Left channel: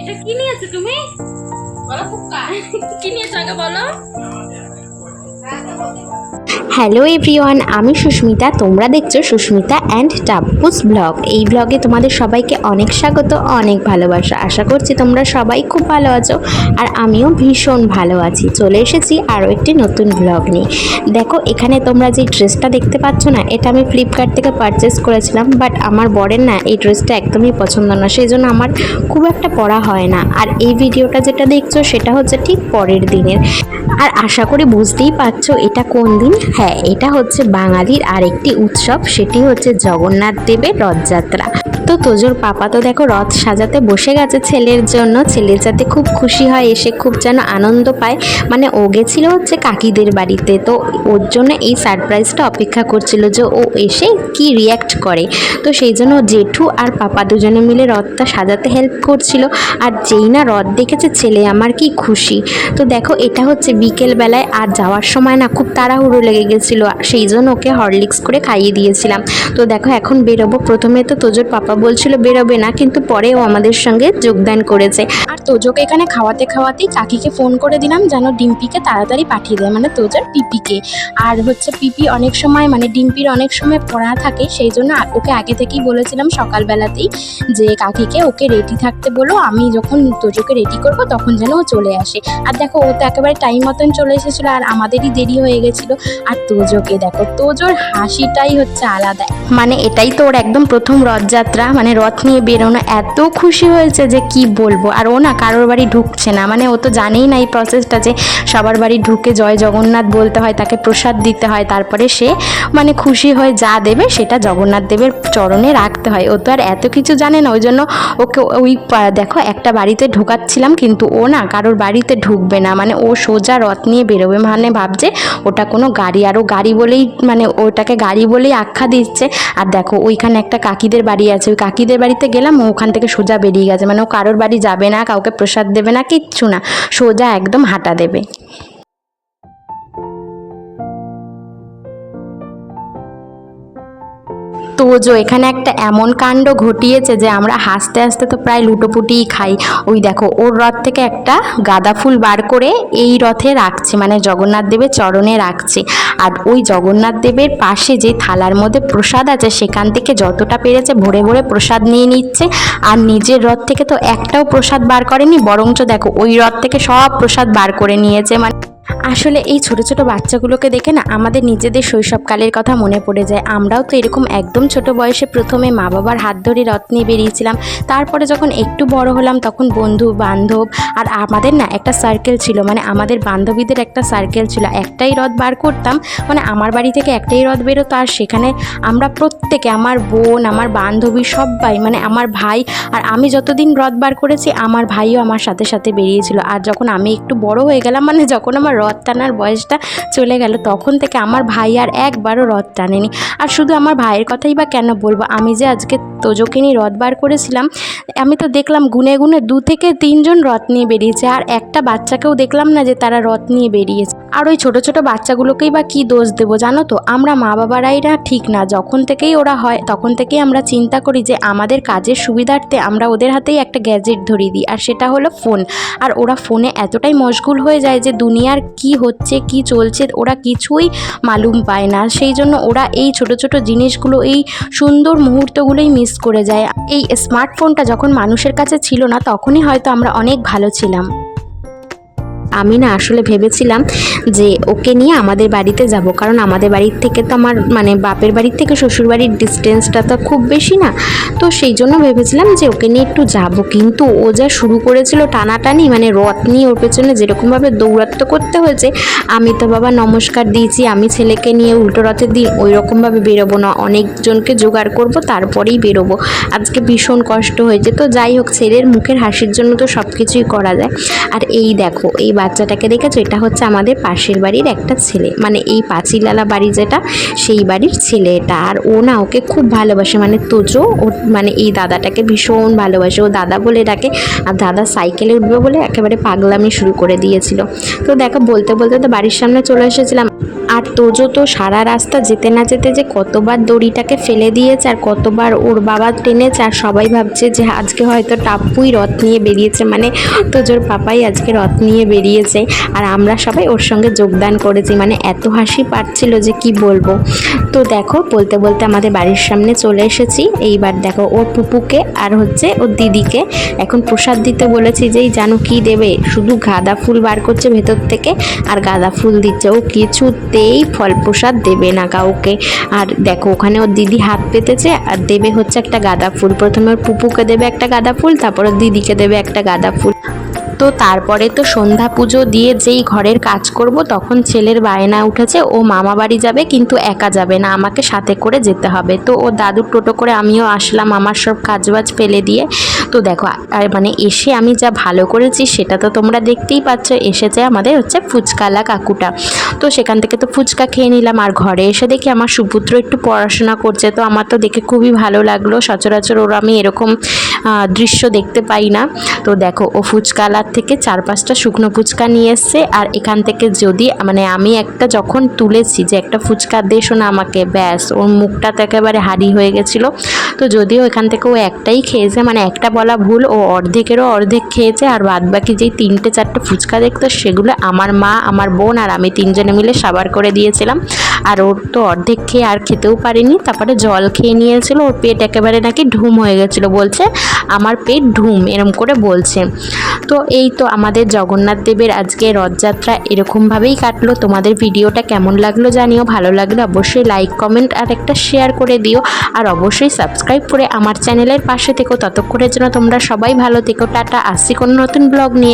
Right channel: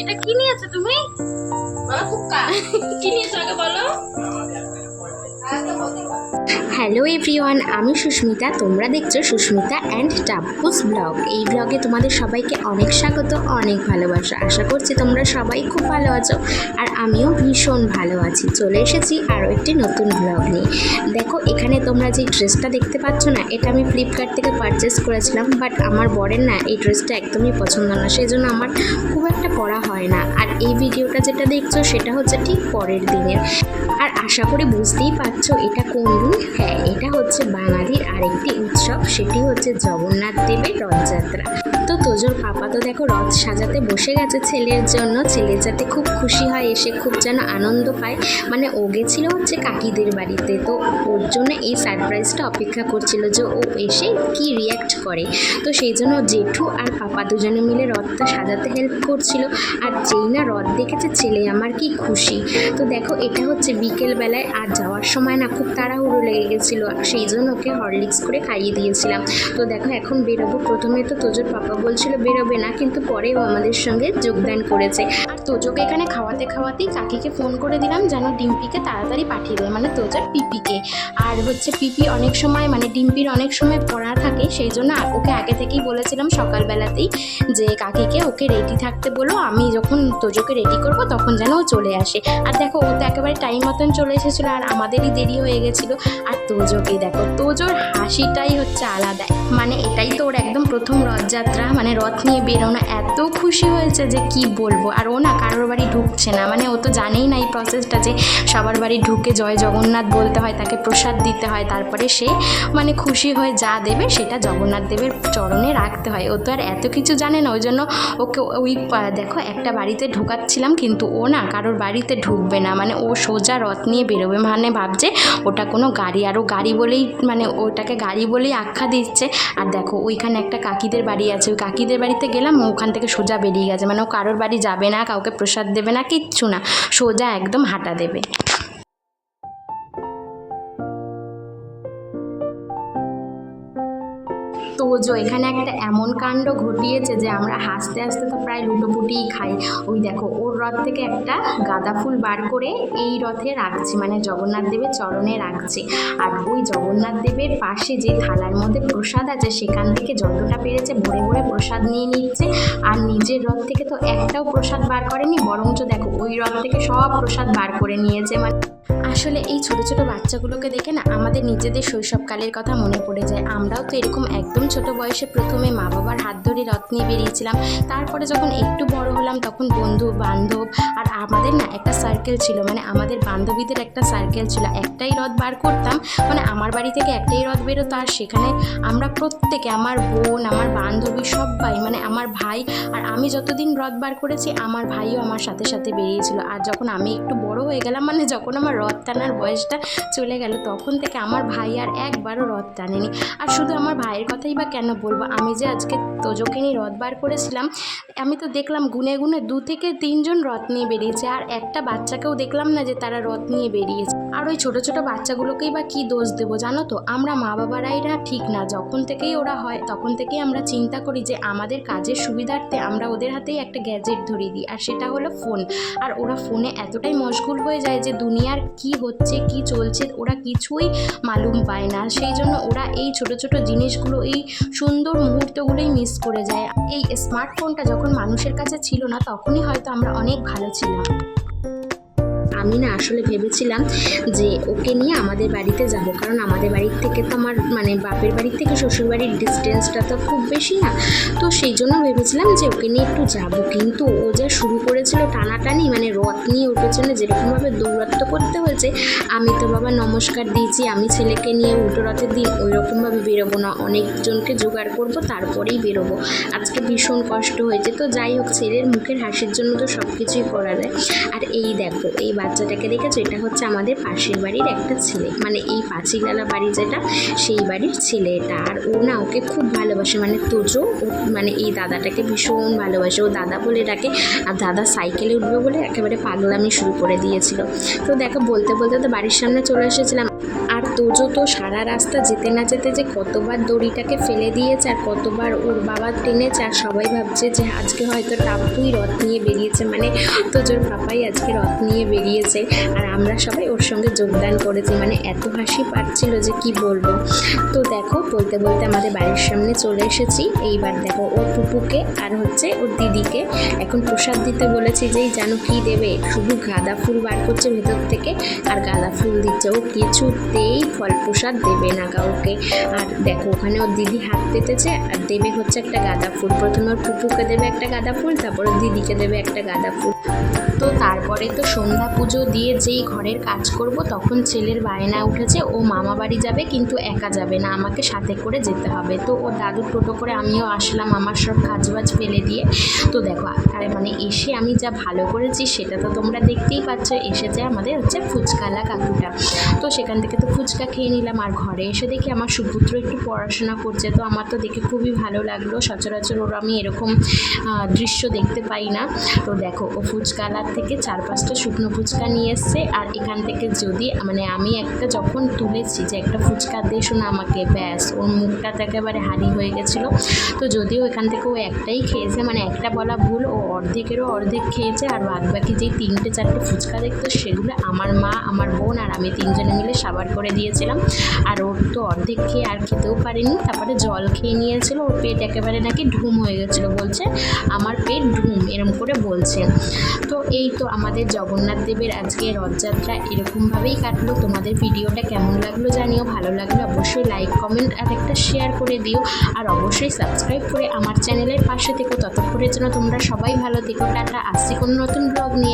এটা কি নিয়েছো তুমি? বলো কুক্কা কি নিয়েছো আগে বলো। হ্যালো এভরিওয়ান, আমি সুস্মিতা। তোমরা দেখছো সুস্মিতা অ্যান্ড টাপ্পুস ব্লগ। এই ব্লগে তোমাদের সবাইকে অনেক স্বাগত, অনেক ভালোবাসা। আশা করছি তোমরা সবাই খুব ভালো আছো, আর আমিও ভীষণ ভালো আছি। চলে এসেছি আরও একটি নতুন ব্লগ নিয়ে। দেখো, এখানে তোমরা যে ড্রেসটা দেখতে পাচ্ছ না, এটা আমি ফ্লিপকার্ট থেকে পারচেস করেছিলাম, বাট আমার বরের না এই ড্রেসটা একদমই পছন্দ না, সেই জন্য আমার খুব একটা পরা হয় না। আর এই ভিডিওটা যেটা দেখছো সেটা হচ্ছে ঠিক পরের দিনের। আর আশা করি বুঝতেই পারছো এটা কোন দিন। হ্যাঁ, এটা হচ্ছে বাঙালির আরেকটি উৎসব, সেটি হচ্ছে জগন্নাথ দেবের রথযাত্রা। তো তোজোর পাপা তো দেখো রথ সাজাতে বসে গেছে ছেলের জন্য। ছেলে যাতে খুব খুশি হয়, এসে খুব যেন আনন্দ পায়। মানে ও গেছিল হচ্ছে কাকিদের বাড়িতে, তো ওর জন্য এই সারপ্রাইজটা অপেক্ষা করছিল যে ও এসে কি রিয়্যাক্ট করে। তো সেই জন্য জেঠু আর পাপা দুজনে মিলে রথটা সাজাতে হেল্প করছিল। আর যেই না রথ দেখেছে ছেলে আমার কি খুশি। তো দেখো, এটা হচ্ছে বিকেল বেলায়, আর যাওয়ার সময় না খুব তাড়াহুড়ো লেগে গেছিলো, সেই জন্য ওকে হরলিক্স করে খাইয়ে দিয়েছিলাম। তো দেখো এখন বেরোবো। প্রথমে তো তোজোর পাপা বলছিল বেরোবে না, কিন্তু পরেও আমাদের সঙ্গে যোগদান করেছে। আর তোজোকে এখানে খাওয়াতে খাওয়াতেই কাকিকে ফোন করে দিলাম যেন ডিম্পিকে তাড়াতাড়ি পাঠিয়ে দেয়, মানে তোজোর পিপিকে। আর হচ্ছে পিপি অনেক সময় মানে ডিম্পির অনেক সময় পড়া থাকে, সেই জন্য ওকে আগে থেকেই বলেছিলাম সকালবেলাতেই যে কাকিকে ওকে রেডি থাকতে বলো, আমি যখন তোজোকে রেডি করব তখন যেন ও চলে আসে। আর দেখো, ও তো একেবারে টাইম মতন চলে এসেছিলো, আর আমাদেরই দেরি হয়ে গেছিলো। আর তোজোকে দেখো, তোজোর হাসিটাই হচ্ছে আলাদা। মানে এটাই তো ওর একদম প্রথম রথযাত্রা, মানে রথ নিয়ে বেরোনো, এত খুশি হয়েছে যে কি বলবো। আর ও না কারোর বাড়ি ঢুকছে না, মানে ও তো জানেই না এই প্রসেসটা যে সবার বাড়ি ঢুকে জয় জগন্নাথ বলতে হয়, তাকে প্রসাদ দিতে হয়, তারপরে সে মানে খুশি হয়ে যা দেবে সেটা জগন্নাথ দেবের চরণে রাখতে হয়। ও তো আর এত কিছু জানে না, ওই জন্য ওকে ওই দেখো একটা বাড়িতে ঢোকাচ্ছিলাম, কিন্তু ও না কারোর বাড়িতে ঢুকবে না, মানে ও সোজা রথ নিয়ে বেরোবে। মানে ভাবছে ওটা কোনো গাড়ি, আর ও গাড়ি বলেই মানে ওটাকে গাড়ি বলেই আখ্যা দিচ্ছে। আর দেখো ওইখানে একটা কাকিদের বাড়ি আছে, ওই কাকিদের বাড়িতে গেলাম, ও ওখান থেকে সোজা বেরিয়ে গেছে। মানে ও কারোর বাড়ি যাবে না, কাউকে প্রসাদ দেবে না, কিচ্ছু না, সোজা একদম হাঁটা দেবে। তোজো এখানে একটা এমন কাণ্ড ঘটিয়েছে যে আমরা হাসতে হাসতে তো প্রায় লুটোপুটিই খাই। ওই দেখো, ওর রথ থেকে একটা গাঁদা ফুল বার করে এই রথে রাখছে, মানে জগন্নাথ দেবের চরণে রাখছে। আর ওই জগন্নাথ দেবের পাশে যে থালার মধ্যে প্রসাদ আছে, সেখান থেকে যতটা পেরেছে ভরে ভরে প্রসাদ নিয়ে নিচ্ছে। আর নিজের রথ থেকে তো একটাও প্রসাদ বার করেনি, বরঞ্চ দেখো ওই রথ থেকে সব প্রসাদ বার করে নিয়েছে। মানে আসলে এই ছোট ছোট বাচ্চাগুলোকে দেখে না আমাদের নিজেদের শৈশবকালের কথা মনে পড়ে যায়। আমরাও তো এরকম একদম ছোট বয়সে প্রথমে মা বাবার হাত ধরে রথ নিয়ে বেরিয়েছিলাম। তারপরে যখন একটু বড় হলাম তখন বন্ধু বান্ধব আর আমাদের না একটা সার্কেল ছিল, মানে আমাদের বান্ধবীদের একটা সার্কেল ছিল। একটাই রথ বার করতাম, মানে আমার বাড়ি থেকে একটাই রথ বেরোতো, আর সেখানে আমরা প্রত্যেকে, আমার বোন, আমার বান্ধবী সবাই, মানে আমার ভাই, আর আমি যতদিন রথ বার করেছি আমার ভাইও আমার সাথে সাথে বেরিয়েছিল। আর যখন আমি একটু বড় হয়ে গেলাম, মানে যখন আমার রথ টানার বয়সটা চলে গেল, তখন থেকে আমার ভাই আর একবারও রথ টানেনি। আর শুধু আমার ভাইয়ের কথাই বা কেন বলবো, আমি যে আজকে তোজোকে নিয়ে রথ বার করেছিলাম, আমি তো দেখলাম গুনে গুনে 2 থেকে 3 জন রথ নিয়ে বেরিয়েছে, আর একটা বাচ্চাকেও দেখলাম না যে তারা রথ নিয়ে বেরিয়েছে। আর ওই ছোট ছোট বাচ্চাগুলোকেই বা কি দোষ দেবো জানো তো, আমরা মা বাবারাই না ঠিক না। যখন থেকেই ওরা হয় তখন থেকেই আমরা চিন্তা করি যে আমাদের কাজের সুবিধার্থে আমরা ওদের হাতেই একটা গ্যাজেট ধরিয়ে দিই, আর সেটা হলো ফোন। আর ওরা ফোনে এতটাই মশগুল হয়ে যায় যে দুনিয়ার কি হচ্ছে কি চলছে ওরা কিছুই মালুম পায় না। সেই জন্য ওরা এই ছোট ছোট জিনিসগুলো, এই সুন্দর মুহূর্তগুলোই মিস করে যায়। এই স্মার্টফোনটা যখন মানুষের কাছে ছিল না, তখনই হয়তো আমরা অনেক ভালো ছিলাম। আমি না আসলে ভেবেছিলাম যে ওকে নিয়ে আমাদের বাড়িতে যাব, কারণ আমাদের বাড়ির থেকে তো আমার মানে বাপের বাড়ির থেকে শ্বশুর বাড়ির ডিস্টেন্সটা তো খুব বেশি না। তো সেই জন্য ভেবেছিলাম যে ওকে নিয়ে একটু যাব, কিন্তু ও যা শুরু করেছিল টানাটানি, মানে রথ নিয়ে ওর পেছনে যেরকমভাবে দৌড়াত্ম করতে হয়েছে, আমি তো বাবা নমস্কার দিয়েছি, আমি ছেলেকে নিয়ে উল্টো রথের দিন ওই রকমভাবে বেরোবো না, অনেকজনকে জোগাড় করব তারপরেই বেরোবো। আজকে ভীষণ কষ্ট হয়েছে। তো যাই হোক, ছেলের মুখের হাসির জন্য তো সব কিছুই করা যায়। আর এই দেখো, এই বাচ্চাটাকে দেখেছো, এটা হচ্ছে আমাদের পাশের বাড়ির একটা ছেলে, মানে এই পাঁচিলালা বাড়ি যেটা, সেই বাড়ির ছেলে এটা। আর ও না ওকে খুব ভালোবাসে, মানে তোজো ও মানে এই দাদাটাকে ভীষণ ভালোবাসে, ও দাদা বলে ডাকে। আর দাদা সাইকেলে উঠবে বলে একেবারে পাগলামি শুরু করে দিয়েছিল। তো দেখো, বলতে বলতে তো বাড়ির সামনে চলে এসেছিলাম। আর তোজো তো সারা রাস্তা যেতে না যেতে যে কতবার দড়িটাকে ফেলে দিয়েছে আর কতবার ওর বাবা টেনেছে, আর সবাই ভাবছে যে আজকে হয়তো টাপ্পুই রথ নিয়ে বেরিয়েছে, মানে তোজোর পাপাই আজকে রথ নিয়ে বেরিয়েছে। আর আমরা সবাই ওর সঙ্গে যোগদান করেছি, মানে এত হাসি পাচ্ছিল যে কি বলবো। তো দেখো বলতে বলতে আমাদের বাড়ির সামনে চলে এসেছি। এইবার দেখো ওর পুপুকে আর হচ্ছে ওর দিদিকে এখন প্রসাদ দিতে বলেছি, যেই জানো কি দেবে, শুধু গাঁদা ফুল বার করছে ভেতর থেকে আর গাঁদা ফুল দিচ্ছে, ও কিছুতেই ফল প্রসাদ দেবে না কাউকে। আর দেখো ওখানে ওর দিদি হাত পেতেছে আর দেবে হচ্ছে একটা গাঁদা ফুল, প্রথমে ওর পুপুকে দেবে একটা গাঁদা ফুল, তারপর ওর দিদিকে দেবে একটা গাঁদা ফুল। তো তারপরে তো সন্ধ্যা পুজো দিয়ে যেই ঘরের কাজ করব তখন ছেলের বায়না উঠেছে ও মামা বাড়ি যাবে, কিন্তু একা যাবে না, আমাকে সাথে করে যেতে হবে। তো ও দাদুর টোটো করে আমিও আসলাম আমার সব কাজবাজ ফেলে দিয়ে। তো দেখো আর মানে এসে আমি যা ভালো করেছি সেটা তো তোমরা দেখতেই পাচ্ছ। এসেছে আমাদের হচ্ছে ফুচকালা কাকুটা, তো সেখান থেকে তো ফুচকা খেয়ে নিলাম। আর ঘরে এসে দেখি আমার সুপুত্র একটু পড়াশোনা করছে, তো আমার তো দেখে খুবই ভালো লাগলো। সচরাচর ওরা আমি এরকম দৃশ্য দেখতে পাই না। তো দেখো ও ফুচকালার থেকে 4-5টা শুকনো ফুচকা নিয়ে এসছে, আর এখান থেকে যদি মানে আমি একটা যখন তুলেছি যে একটা ফুচকা দেশো না আমাকে, ব্যাস ওর মুখটা তো একেবারে হারি হয়ে গেছিলো। তো যদিও এখান থেকে ও একটাই খেয়েছে, মানে একটা বলা ভুল, ও অর্ধেকেরও অর্ধেক খেয়েছে, আর বাদ বাকি যেই 3-4টে ফুচকা দেখতো সেগুলো আমার মা, আমার বোন আর আমি 3জনে মিলে সাবার করে দিয়েছিলাম। আর ওর তো অর্ধেক খেয়ে আর খেতেও পারিনি, তারপরে জল খেয়ে নিয়েছিল। ওর পেট একেবারে নাকি ঢুম হয়ে গেছিলো, বলছে আমার পেট ঢুম এরম করে বলছে। তো এই তো আমাদের জগন্নাথ দেবের আজকে রথযাত্রা এরকমভাবেই কাটলো। তোমাদের ভিডিওটা কেমন লাগলো জানিও, ভালো লাগলে অবশ্যই লাইক কমেন্ট আর একটা শেয়ার করে দিও, আর অবশ্যই সাবস্ক্রাইব করে আমার চ্যানেলের পাশে থেকো। ততক্ষণের জন্য তোমরা সবাই ভালো থেকো, টাটা, আসছি কোনো নতুন ব্লগ নিয়ে।